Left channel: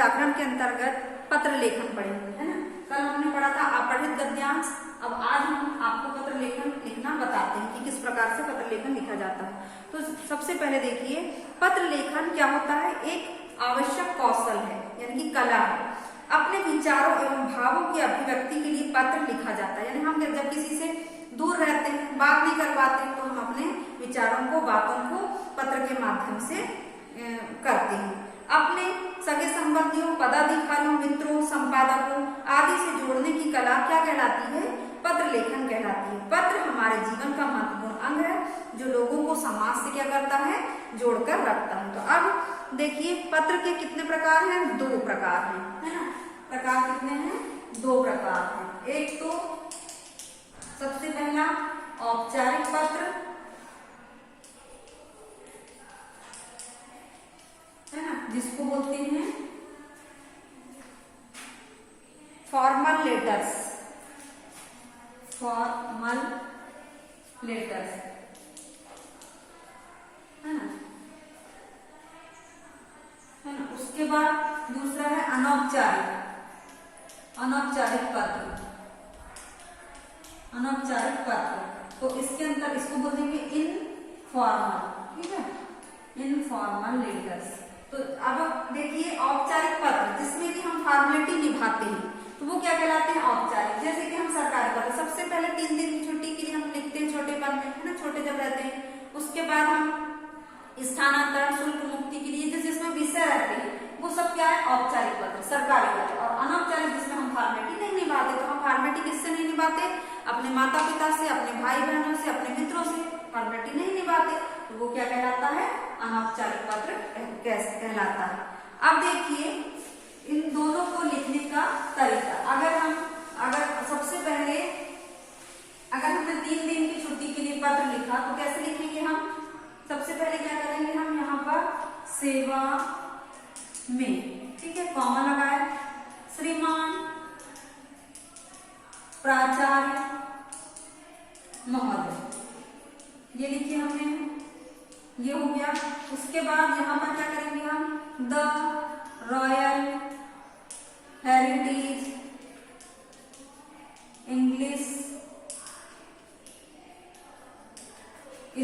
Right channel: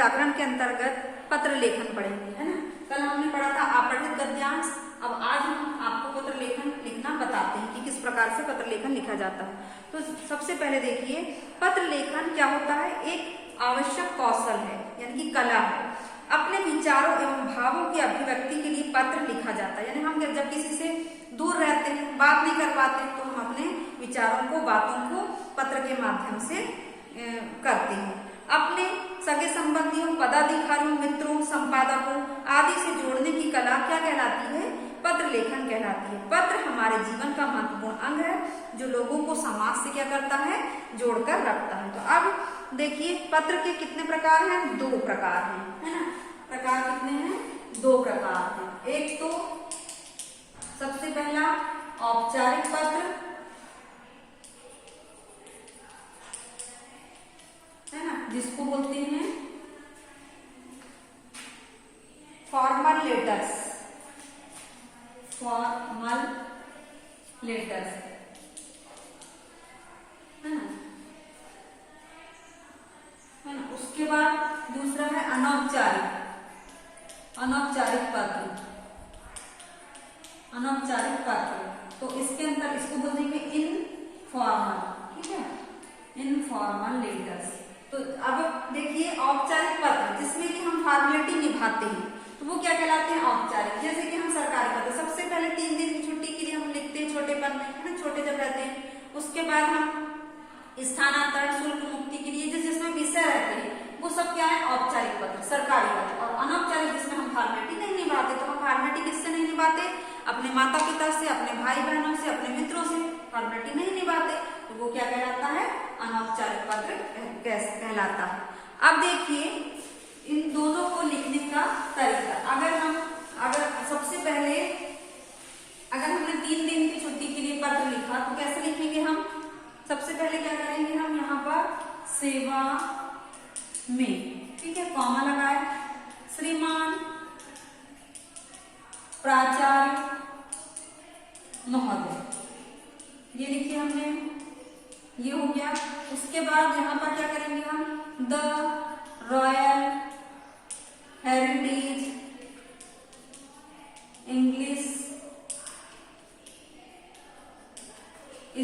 व्याकरण के अंतर्गत पत्र लेखन पढ़ेंगे, है ना। कल हमने पढ़ा था अपठित गद्यांश, अब आज हम आपको पत्र लेखन लिखना बताते हैं कि किस प्रकार से पत्र लेखन लिखा जाता है। तो सबसे पहले देखिए, पत्र लेखन क्या होता है, एक आवश्यक कौशल है, यानी कि कला है। अपने विचारों एवं भावों की अभिव्यक्ति के लिए पत्र लिखा जाता है, यानी हम जब किसी से दूर रहते हैं, बात नहीं कर पाते, तो हम अपने विचारों को, बातों को पत्र के माध्यम से करते हैं। अपने सगे संबंधियों, पदाधिकारियों, मित्रों, संपादकों आदि से जोड़ने की कला क्या कहलाती है, पत्र लेखन कहलाती है। पत्र हमारे जीवन का महत्वपूर्ण अंग है, जो लोगों को समाज से क्या करता है, जोड़कर रखता है। तो अब देखिए, पत्र के कितने प्रकार हैं, 2 प्रकार हैं, है ना। प्रकार कितने हैं, 2 प्रकार हैं। एक तो सबसे पहला औपचारिक पत्र, है ना, जिसको बोलते हैं फॉर्मल लेटर्स, फॉर्मल लेटर्स, है ना। उसके बाद दूसरा है अनौपचारिक, अनौपचारिक पत्र, अनौपचारिक पत्र। तो इसके अंदर इसको बोलेंगे इनफॉर्मल, ठीक है, इनफॉर्मल लेटर्स। तो अब देखिए, औपचारिक पत्र जिसमें कि हम फॉर्मेलिटी निभाते हैं, तो वो क्या कहलाते हैं, औपचारिक। जैसे कि हम सरकारी पत्र, सबसे पहले 3 दिन की छुट्टी के लिए हम लिखते हैं छोटेपन में, है ना, छोटे जब रहते हैं। उसके बाद हम स्थानांतरण, शुल्क मुक्ति के लिए जिसमें विषय रहते हैं, वो सब क्या है, औपचारिक पत्र, सरकारी पत्र। और अनौपचारिक जिसमें हम फॉर्मेलिटी नहीं निभाते, तो हम फॉर्मेलिटी किससे नहीं निभाते, अपने माता पिता से, अपने भाई बहनों से, अपने मित्रों से फॉर्मेलिटी नहीं निभाते, तो वो क्या कहलाता है, अनौपचारिक पत्र कहलाता है। अब देखिए, इन दोनों को लिखने का तरीका, अगर सबसे पहले अगर हमने 3 दिन की छुट्टी के लिए पत्र लिखा, तो कैसे लिखेंगे हम, सबसे पहले क्या करेंगे, हम यहाँ पर सेवा में, ठीक है, कॉमा लगाए, श्रीमान प्राचार्य महोदय, ये लिखिए हमने, ये हो गया। उसके बाद यहाँ पर क्या करेंगे हम, the royal heritage English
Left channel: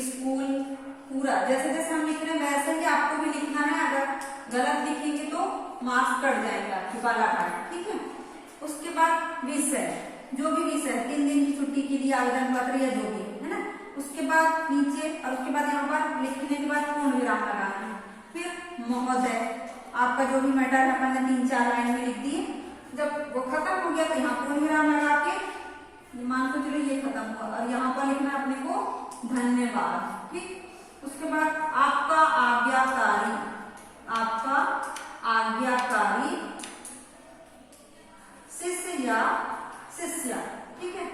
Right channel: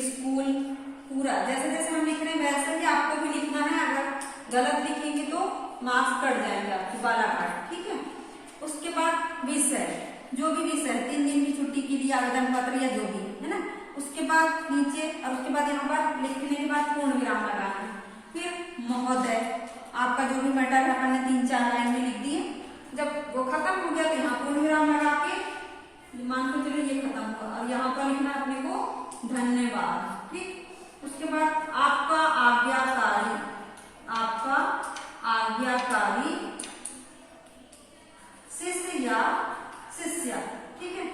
school, पूरा जैसे जैसे हम लिख रहे हैं वैसे ही आपको भी लिखना है। अगर गलत लिखेंगे तो मार्क्स कट जाएंगे आपकी, बालाघाट, ठीक है। उसके बाद विषय, जो भी विषय 3 दिन की छुट्टी के लिए आवेदन पत्र या जो भी, है ना। उसके बाद नीचे, और उसके बाद यहाँ पर लिखने के बाद पूर्ण विराम लगाना है। फिर महोदय, आपका जो भी मैटर है अपन ने 3-4 लाइन में लिख दिए। जब वो खत्म हो गया तो यहाँ पूर्ण विराम लगा के मान को चलिए ये खत्म हुआ, और यहाँ पर लिखना अपने को धन्यवाद, ठीक। उसके बाद आपका आज्ञाकारी, आपका आज्ञाकारी शिष्य या शिष्या, ठीक है।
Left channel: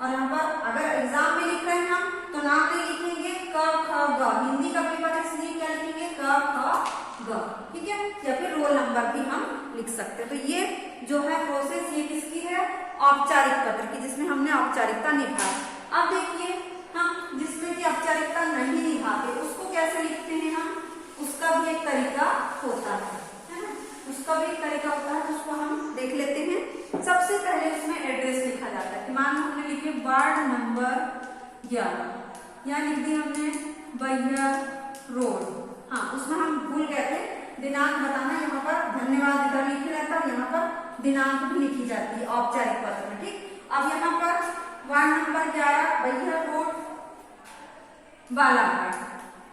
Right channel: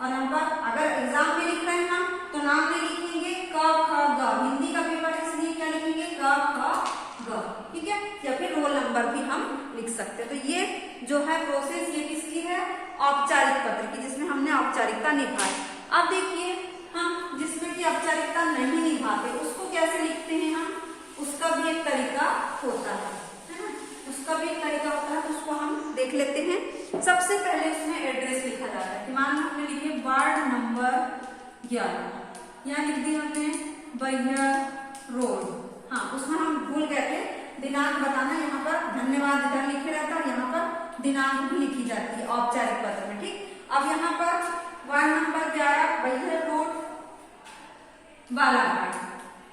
और यहाँ पर अगर एग्जाम में लिख रहे हैं हम, तो नाम नहीं लिखेंगे, क ख ग, हिंदी का पेपर है इसलिए क्या लिखेंगे, क ख ग, ठीक है। या फिर रोल नंबर भी हम लिख सकते हैं। तो ये जो है प्रोसेस, ये किसकी है, औपचारिक पत्र की, जिसमें हमने औपचारिकता निभाई। अब देखिए, हम जिसमें की औपचारिकता नहीं निभाते उसको कैसे लिखते हैं हम, उसका भी एक तरीका होता है ना, उसका भी एक तरीका होता है, तो उसको हम देख लेते हैं। सबसे पहले उसमें एड्रेस लिखा जाता है, कि मान लो हमने लिखे वार्ड नंबर 11, यहाँ लिख दिया हमने बैहर रोड, हाँ उसमें हम भूल गए थे दिनांक बताना, यहाँ पर धन्यवाद इधर लिखे रहता है, यहाँ पर दिनांक भी लिखी जाती है औपचारिक पत्र में, ठीक। अब यहाँ पर ward number 11 Baihar road Balaghat,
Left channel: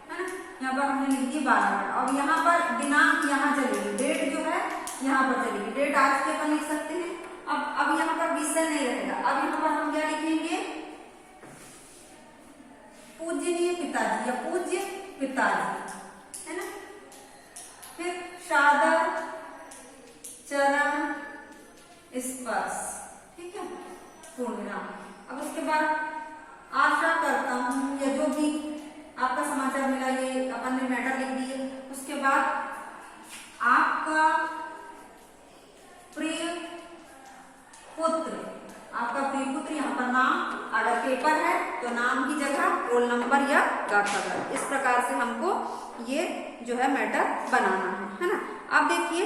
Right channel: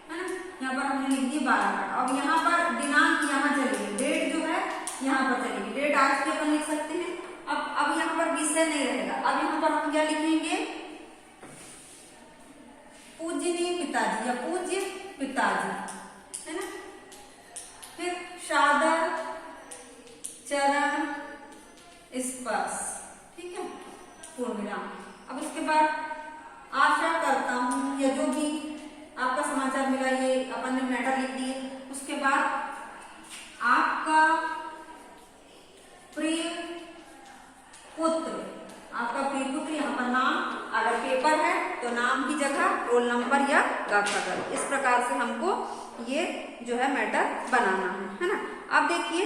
है ना, यहाँ पर हमने लिख दिया बालाघाट। अब यहाँ पर दिनांक यहाँ चलेगी, डेट जो है यहाँ पर चलेगी, डेट आज के अपन लिख सकते हैं। अब यहाँ पर विषय नहीं रहेगा, अब यहाँ पर हम क्या लिखेंगे, पूजनीय पिताजी या पूज्य पिताजी, है ना। फिर सादर चरण स्पर्श, ठीक है, पूर्ण विराम। अब उसके बाद आशा करता हूं, या जो भी आपका समाचार मिला, ये अपन ने मैटर लिख दिए। उसके बाद आपका प्रिय पुत्र, आपका प्रिय पुत्र, यहाँ पर नाम, अगर पेपर है तो नाम की जगह रोल नंबर या गाफागर, इस प्रकार से हमको ये जो है मैटर बनाना है ना। अब देखिए,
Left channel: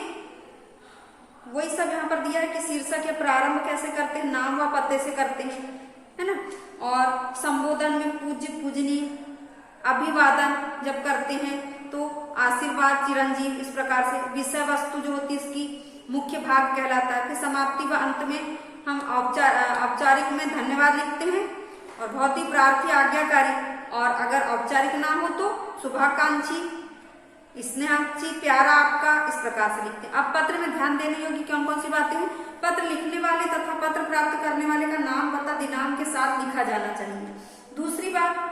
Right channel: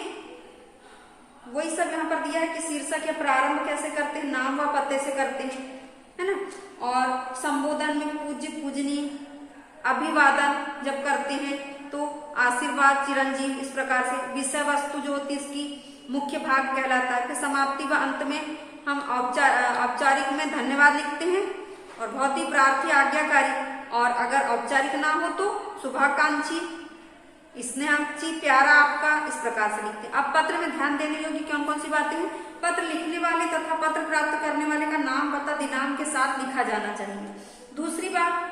वही सब यहाँ पर दिया है कि शीर्षक या प्रारंभ कैसे करते हैं, नाम व पते से करते हैं, है ना। और संबोधन में पूज्य पूजनीय, अभिवादन जब करते हैं तो आशीर्वाद, चिरंजीव, इस प्रकार से। विषय वस्तु जो होती है इसकी मुख्य भाग कहलाता है। फिर समाप्ति व अंत में हम औपचारिक में धन्यवाद लिखते हैं, और बहुत ही प्रार्थी, आज्ञाकारी, और अगर औपचारिक ना हो तो शुभाकांक्षी, स्नेहाची, प्यारा आपका, इस प्रकार से लिखते हैं। अब पत्र में ध्यान देने योग्य कौन कौन सी बातें हैं। पत्र लिखने वाले तथा पत्र प्राप्त करने वाले का नाम, पता, दिनांक के साथ लिखा जाना चाहिए। दूसरी बात,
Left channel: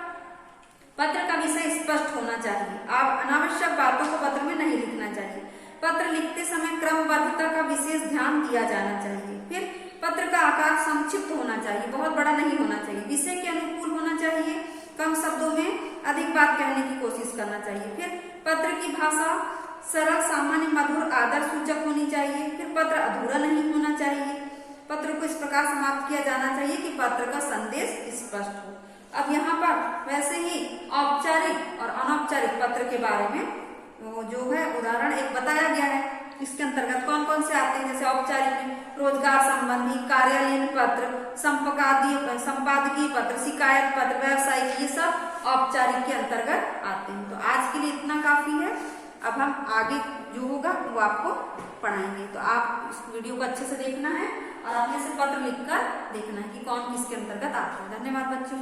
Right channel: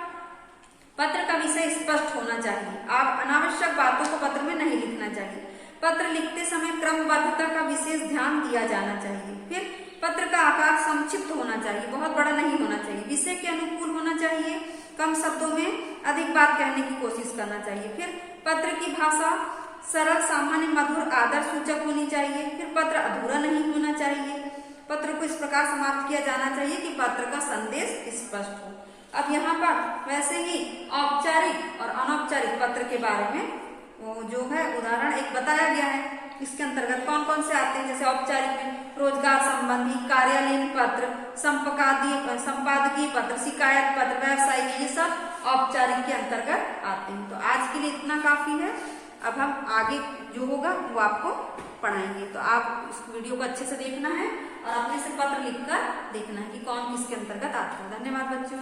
पत्र का विषय स्पष्ट होना चाहिए। आप अनावश्यक बातों को पत्र में नहीं लिखना चाहिए। पत्र लिखते समय क्रमबद्धता का विशेष ध्यान दिया जाना चाहिए। फिर पत्र का आकार संक्षिप्त होना चाहिए, बहुत बड़ा नहीं होना चाहिए। विषय के अनुकूल होना चाहिए, कम शब्दों में अधिक बात कहने की कोशिश करना चाहिए। फिर पत्र की भाषा सरल, सामान्य, मधुर, आदर सूचक होनी चाहिए। फिर पत्र अधूरा नहीं होना चाहिए। पत्र को इस प्रकार समाप्त किया जाना चाहिए कि पत्र का संदेश स्पष्ट हो। अब यहाँ पर वैसे ही औपचारिक और अनौपचारिक पत्र के बारे में वो जो है उदाहरण एक बताया गया है। इसके अंतर्गत कौन कौन से आते हैं, जैसे औपचारिक में रोजगार संबंधी, कार्यालयीन पत्र, संपादकीय पत्र, शिकायत पत्र, व्यवसायिक, ये सब औपचारिक के अंतर्गत आते हैं। तो आज के लिए इतना काफी है। अब हम आगे जो होगा वो आपको पढ़ाएंगे। तो आप इस वीडियो को अच्छे से देखना है और अपने से पत्र लिखकर देखना है कि कौन किसके अंतर्गत आता है। धन्यवाद बच्चों।